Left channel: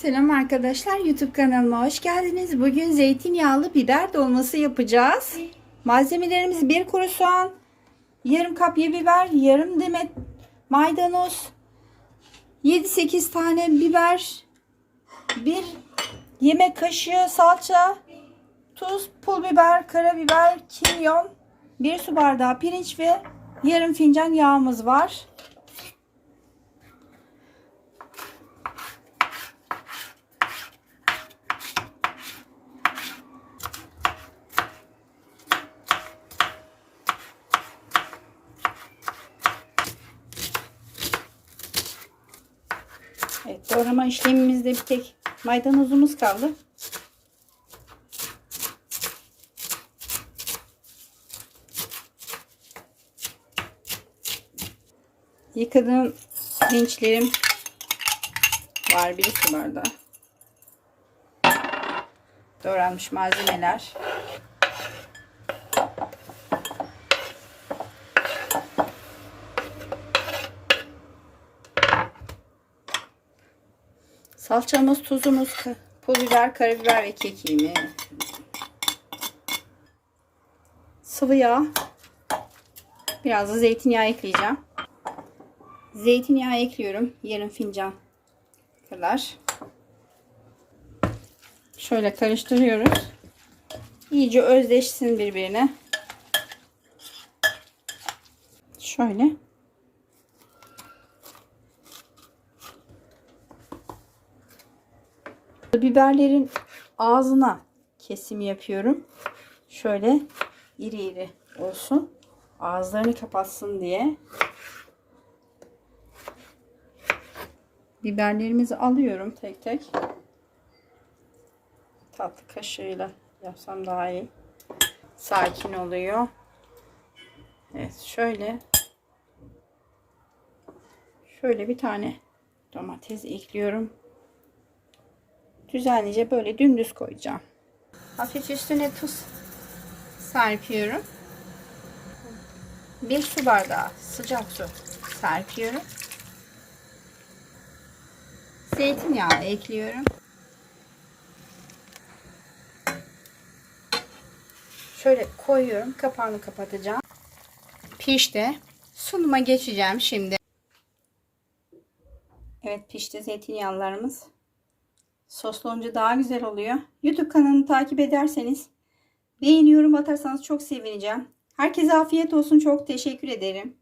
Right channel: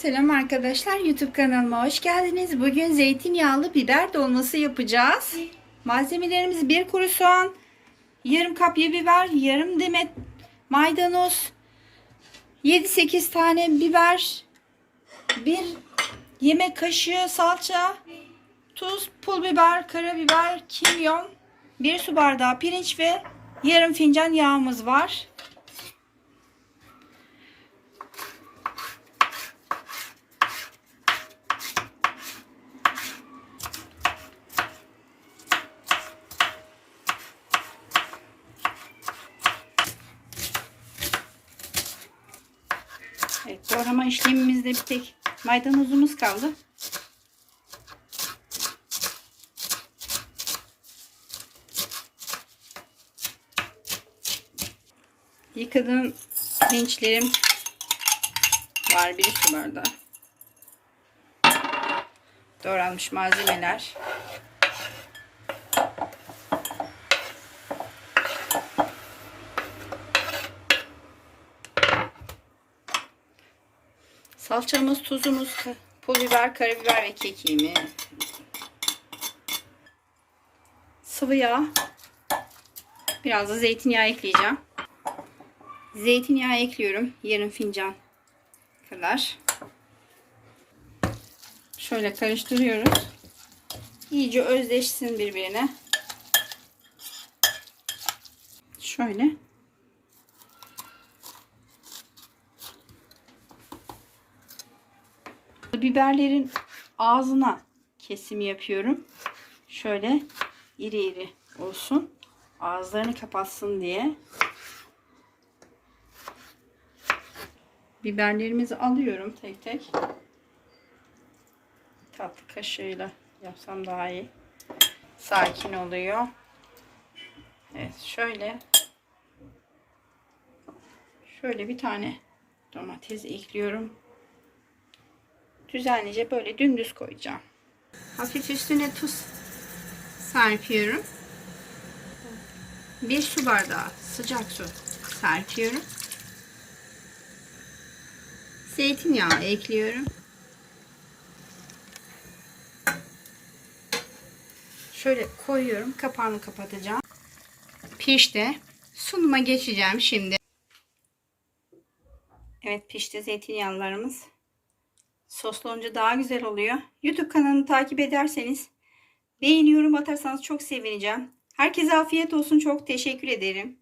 Selam arkadaşlar YouTube kanalıma hoş geldiniz. Bugün zeytinyağlı biber dolması yapacağız. Malzemelerimiz bir kuru soğan, yarım kapya biber, yarım demet maydanoz, 7-8 tane biber, bir yemek kaşığı salça, tuz, pul biber, karabiber, kimyon, bir su bardağı pirinç ve yarım fincan yağımız var. Doğrama işlemimizde bir tek maydanozumuz kaldı. Yıkadığım pirinçlerim var bir su bardağı. Doğranmış malzemeler. Salçamız, tuzumuz, pul biber, karabiber ve kekiğimiz. Sıvı yağ. Biraz da zeytinyağı ekleyeceğim. Zeytinyağı ekliyorum. Yarım fincan kadar. Şöyle karıştırıyoruz. İyice özleşsin birbirine. Şöyle. Biberlerin ağzına kesim yapıyorum. Şöyle iri iri olsun. Ağızlarını kapatsın diye. Biberlerimizi alıyorum tek tek. Tatlı kaşığıyla yapsam daha iyi. Sakin oluyor. Evet şöyle. Şöyle bir tane domates ekliyorum. Düzenlice böyle dümdüz koyacağım. Hafif üstüne tuz serpiyorum. Bir su bardağı sıcak su serpiyorum. Zeytinyağı ekliyorum. Şöyle koyuyorum. Kapağını kapatacağım. Pişti. Sunuma geçeceğim şimdi. Evet pişti zeytinyağlarımız. Soslu olunca daha güzel oluyor. YouTube kanalını takip ederseniz beğeni yorum atarsanız çok sevineceğim. Herkese afiyet olsun. Çok teşekkür ederim.